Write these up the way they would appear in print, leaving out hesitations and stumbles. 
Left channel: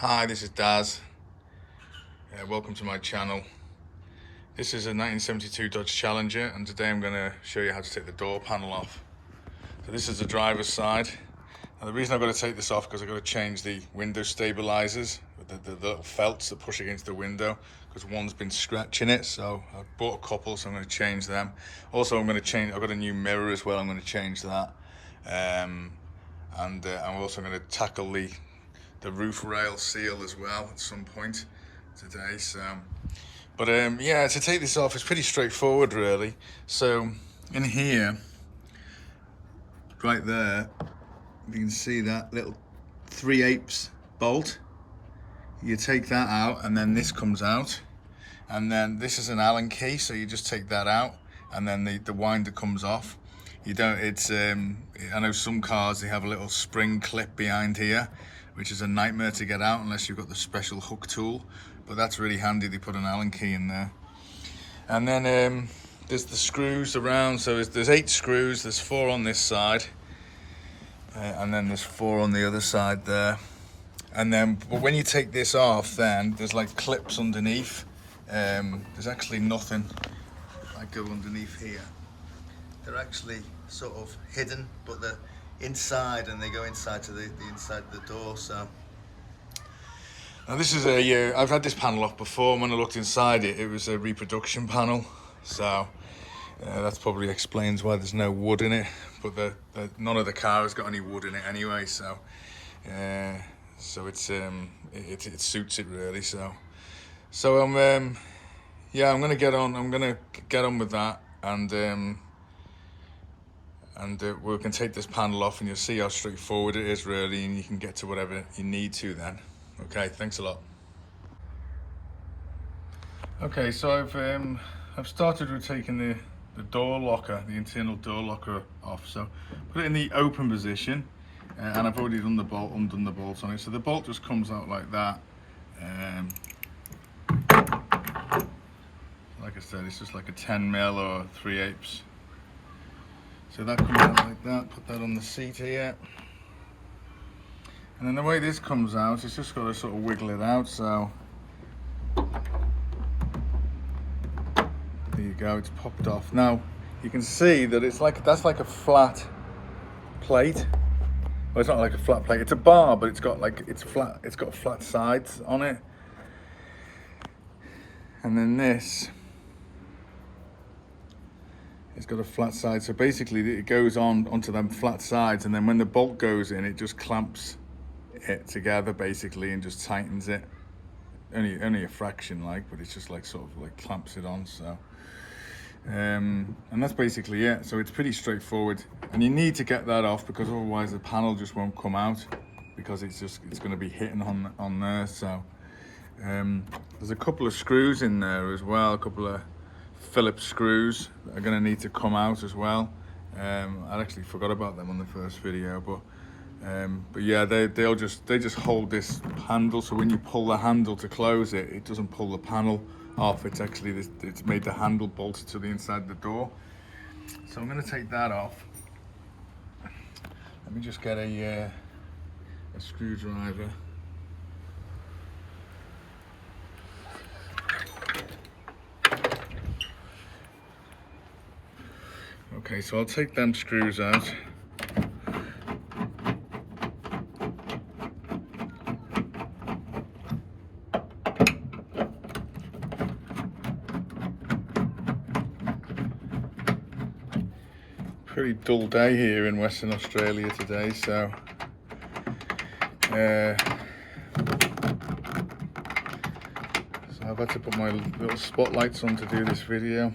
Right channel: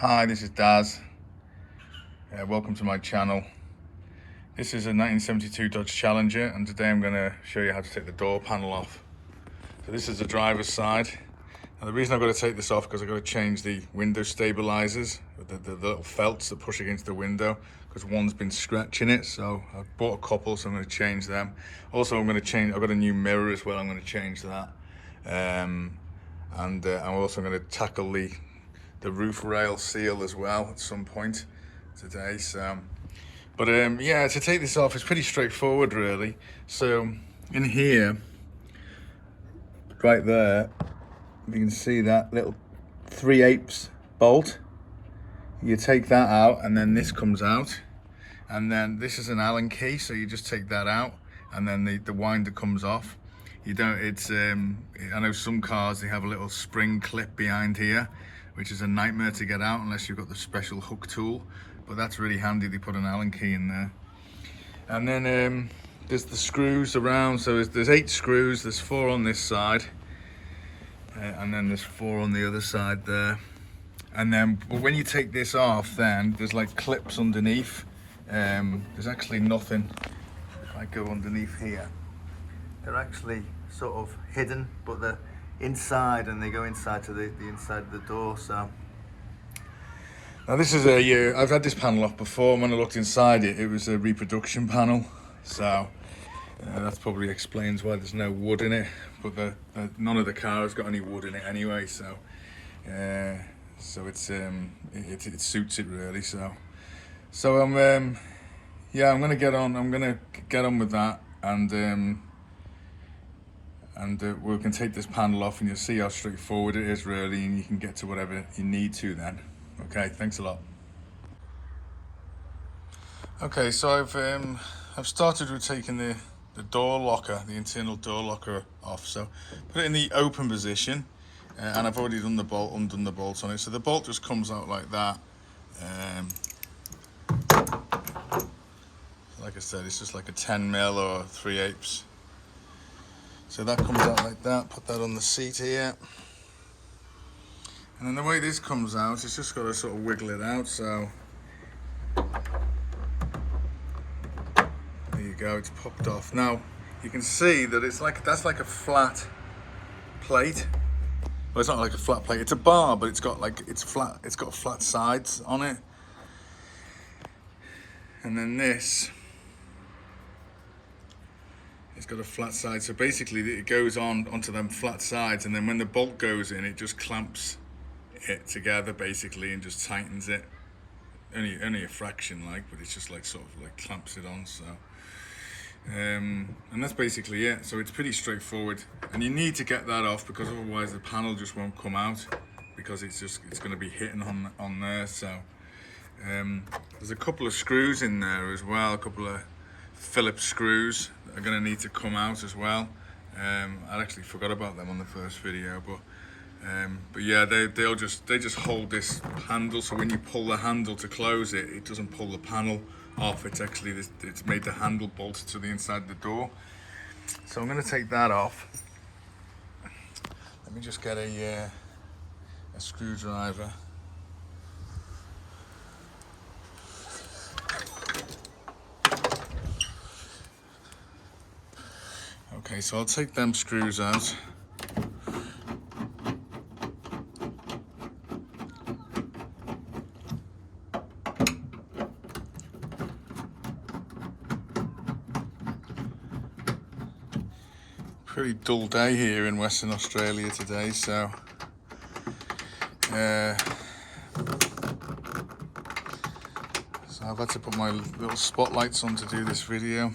Hi, this is Daz. Welcome to my channel. This is a 1972 Dodge Challenger, and today I'm going to show you how to take the door panel off. So this is the driver's side. Now the reason I've got to take this off because I've got to change the window stabilizers, the little felts that push against the window, because one's been scratching it. So I've bought a couple, so I'm going to change them. Also, I've got a new mirror as well. I'm going to change that. I'm also going to tackle the roof rail seal as well at some point today. Yeah, to take this off, it's pretty straightforward really. So in here, right there, you can see that little 3/8 bolt. You take that out, and then this comes out, and then this is an Allen key, so you just take that out, and then the winder comes off. You don't. I know some cars, they have a little spring clip behind here, which is a nightmare to get out unless you've got the special hook tool, but that's really handy. They put an Allen key in there. And then there's the screws around, so there's 8 screws. There's 4 on this side, and then there's 4 on the other side there. But when you take this off, then there's like clips underneath. There's actually nothing. If I go underneath here, they're actually sort of hidden, but they're inside, and they go inside to the inside of the door. So now this is I've had this panel off before. When I looked inside it, it was a reproduction panel. So that probably explains why there's no wood in it. But none of the car has got any wood in it anyway. So it suits it really. So I'm gonna get on. I'm gonna get on with that, and we can take this panel off, and you'll see how straightforward it is really, and you can get to whatever you need to then. Okay, thanks a lot. Okay, so I've started with taking the door locker, the internal door locker off. So put it in the open position, and I've already undone the bolt on it. So the bolt just comes out like that. Like I said, it's just like a 10mm or 3/8. So that comes out like that. Put that on the seat here. And then the way this comes out, it's just got to sort of wiggle it out. So there you go, it's popped off. Now you can see that that's like a flat plate. Well, it's not like a flat plate, it's a bar, but it's got flat sides on it. And then this, it's got a flat side, so basically it goes onto them flat sides, and then when the bolt goes in, it just clamps it together basically and just tightens it. Only a fraction, but it's just sort of clamps it on. So and that's basically it. So it's pretty straightforward, and you need to get that off because otherwise the panel just won't come out, because it's going to be hitting on there. So there's a couple of screws in there as well, a couple of Phillips screws that are going to need to come out as well. I actually forgot about them on the first video, but yeah, they just hold this handle, so when you pull the handle to close it, it doesn't pull the panel off. It's made the handle bolted to the inside of the door. So I'm going to take that off. Let me just get a screwdriver. Okay, so I'll take them screws out. Pretty dull day here in Western Australia today, so I've had to put my little spotlights on to do this video.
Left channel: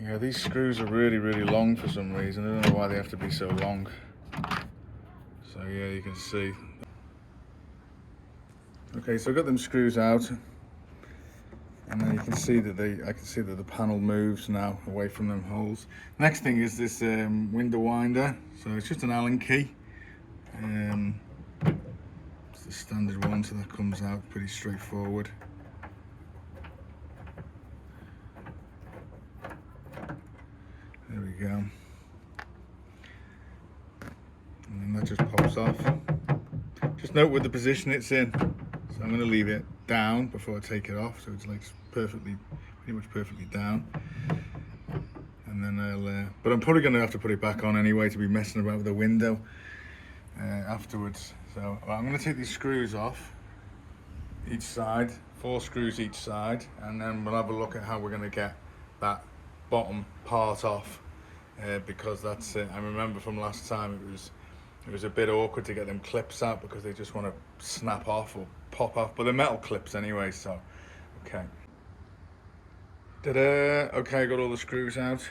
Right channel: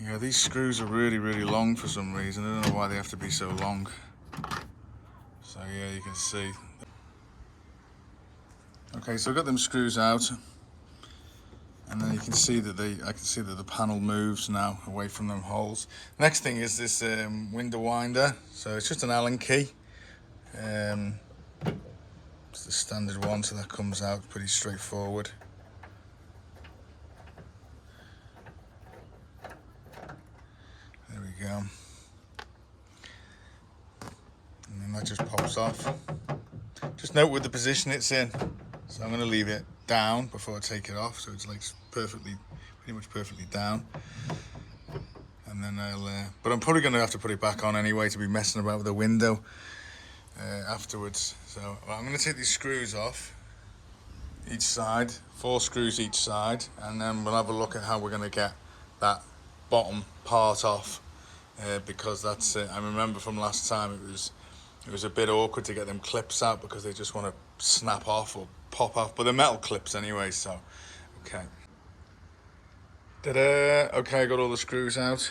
Yeah, these screws are really, really long for some reason. I don't know why they have to be so long. So yeah, you can see. Okay, so I've got them screws out, and then you can see that I can see that the panel moves now away from them holes. Next thing is this window winder. So it's just an Allen key. It's the standard one, so that comes out pretty straightforward. There we go. And then that just pops off. just note with the position it's in. So I'm going to leave it down before I take it off, so it's like pretty much perfectly down. And then but I'm probably going to have to put it back on anyway to be messing about with the window afterwards. So I'm going to take these screws off each side, 4 screws each side, and then we'll have a look at how we're going to get that bottom part off, because that's it. I remember from last time it was a bit awkward to get them clips out because they just want to snap off or pop off, but they're metal clips anyway, so okay. Ta-da! Okay, I got all the screws out.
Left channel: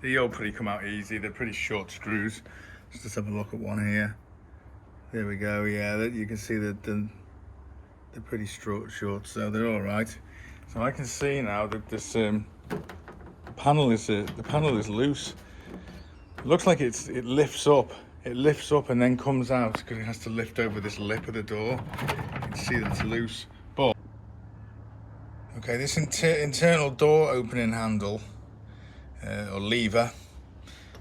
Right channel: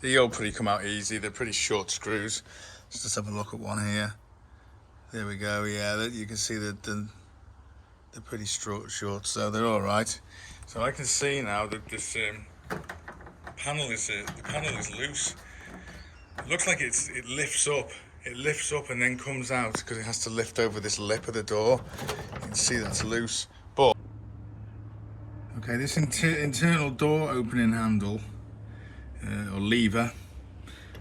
They all pretty come out easy. They're pretty short screws. Let's just have a look at one here. There we go. Yeah, you can see that they're pretty short, so they're all right. So I can see now that this the panel is loose. It looks like it lifts up. It lifts up and then comes out because it has to lift over this lip of the door. You can see that's loose. But okay, this internal door opening handle or lever,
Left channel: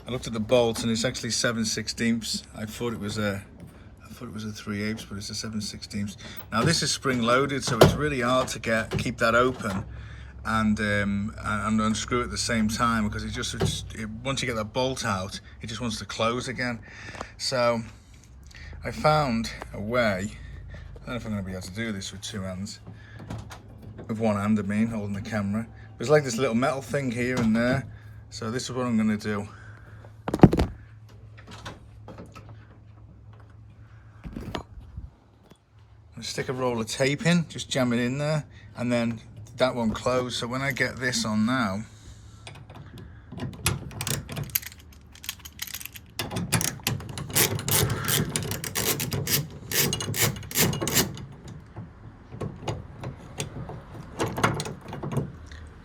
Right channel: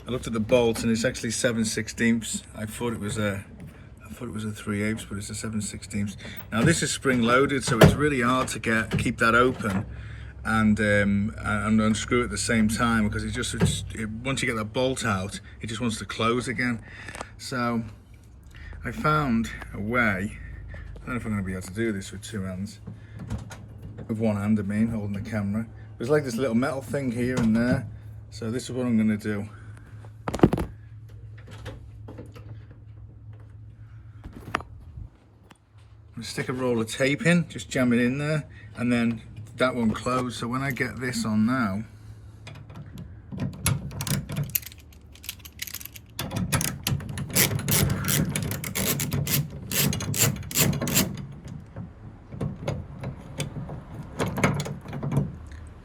I looked at the bolt and it's actually 7/16. I thought it was a 3/8, but it's a 7/16. Now this is spring loaded, so it's really hard to keep that open and unscrew at the same time, because once you get that bolt out, it just wants to close again. So I found a way. I don't know if I'm going to be able to do this with 2 hands. With 1 hand, I mean, holding the camera. There's like this little metal thing here and there. So this is what I'm going to do. I'm going to stick a roll of tape in, just jam it in there, and then that won't close. So when I get this on now,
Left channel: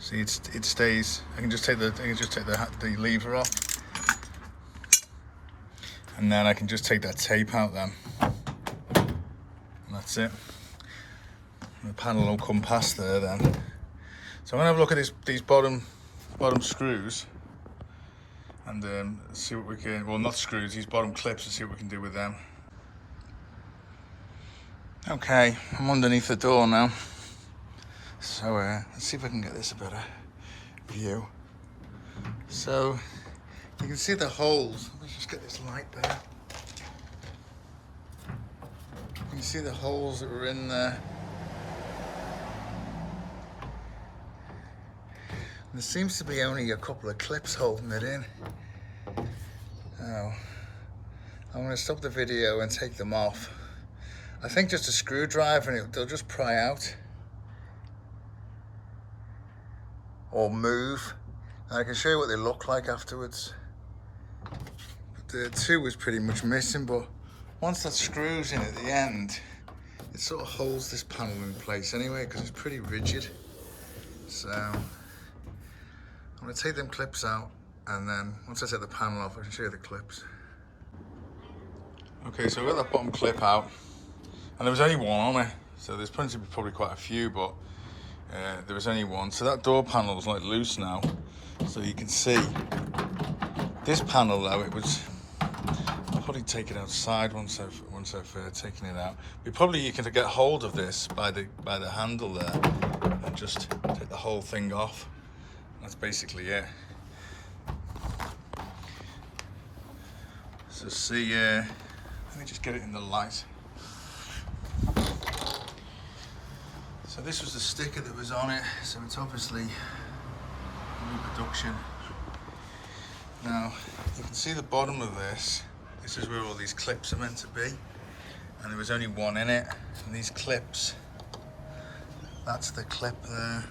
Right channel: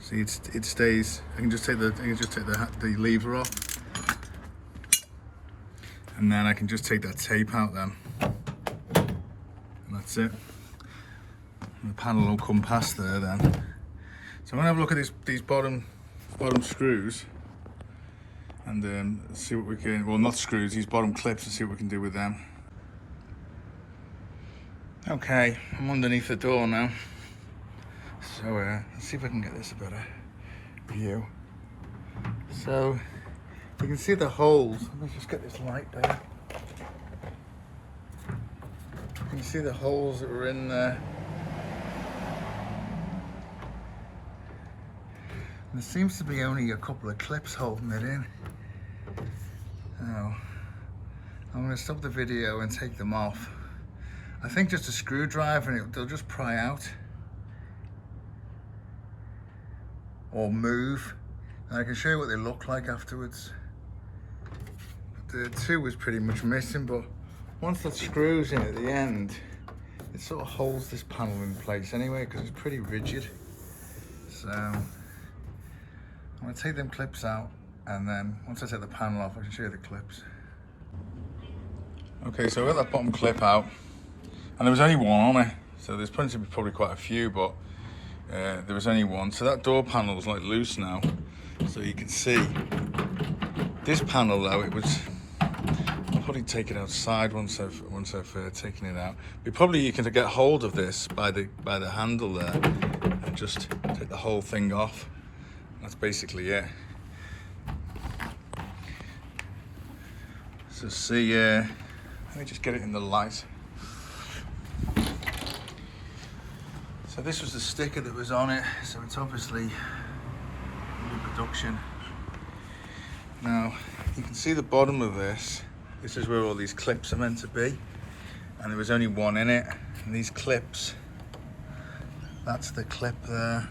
see, it stays. I can just take the lever off, and then I can just take that tape out then. And that's it. And the panel will come past there then. So I'm gonna have a look at these bottom screws and see what we can. Well, not screws. These bottom clips, and see what we can do with them. Okay, I'm underneath the door now. So let's see if I can get this a better view. So you can see the holes. Let me just get this light there. You can see the holes that were in there. And there seems to be only a couple of clips holding it in. Oh, I'm going to stop the video and take them off. I think just a screwdriver and they'll just pry out. Or move. And I can show you what they look like afterwards. But the 2 was pretty much missing, but once that screws in at the end, it sort of holds this panel in place anyway, because it's pretty rigid. So I'm going to take them clips out, and then once I take the panel off, I can show you the clips. Okay, so I got that bottom clip out, and there was only 1 on it, so there's probably quite a few, but there was only 1. So that door panel is like loose now, so you can see this panel though, I'll probably take it outside once I've taken it out. You can get hold of this by the handle there and just take the whole thing off. That's basically it. So see, let me just get it in the light. So this was the sticker that was on it, so it's obviously reproduction. Now, you can see the bottom of this. This is where all these clips are meant to be. And there was only 1 in it. And these clips, that's the clip there.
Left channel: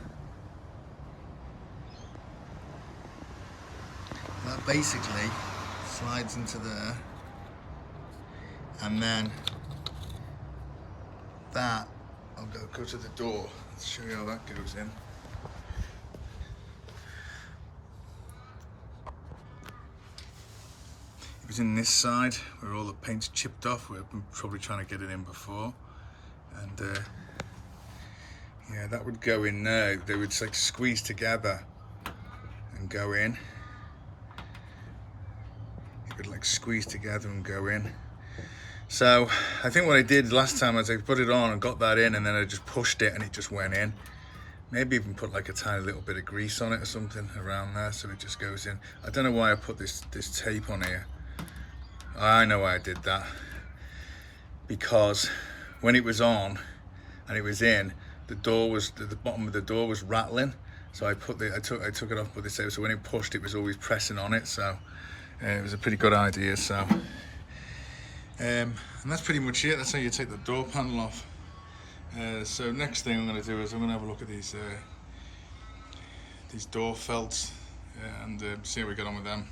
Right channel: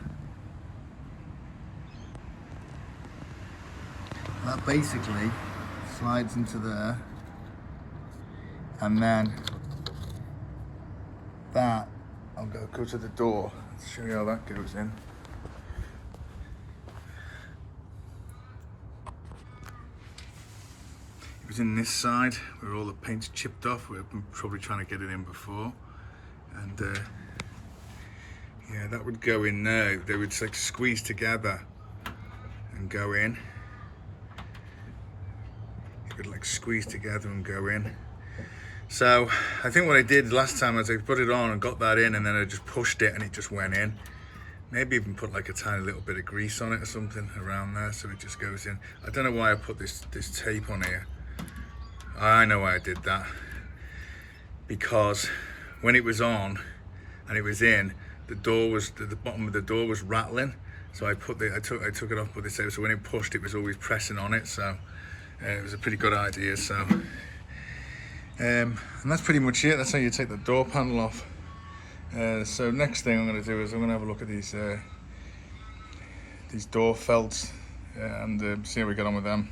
And that basically slides into there. And then that, I'll go to the door. Let's show you how that goes in. It was in this side where all the paint's chipped off. We've been probably trying to get it in before. And yeah, that would go in there. They would like squeeze together and go in. It would like squeeze together and go in. So I think what I did last time was I put it on and got that in, and then I just pushed it and it just went in. Maybe even put like a tiny little bit of grease on it or something around there so it just goes in. I don't know why I put this tape on here. I know why I did that. Because when it was on and it was in, the bottom of the door was rattling. So I took it off, put this out, so when it pushed it was always pressing on it. So it was a pretty good idea. So and that's pretty much it. That's how you take the door panel off. So next thing I'm going to do is I'm going to have a look at these door felts and see how we get on with them.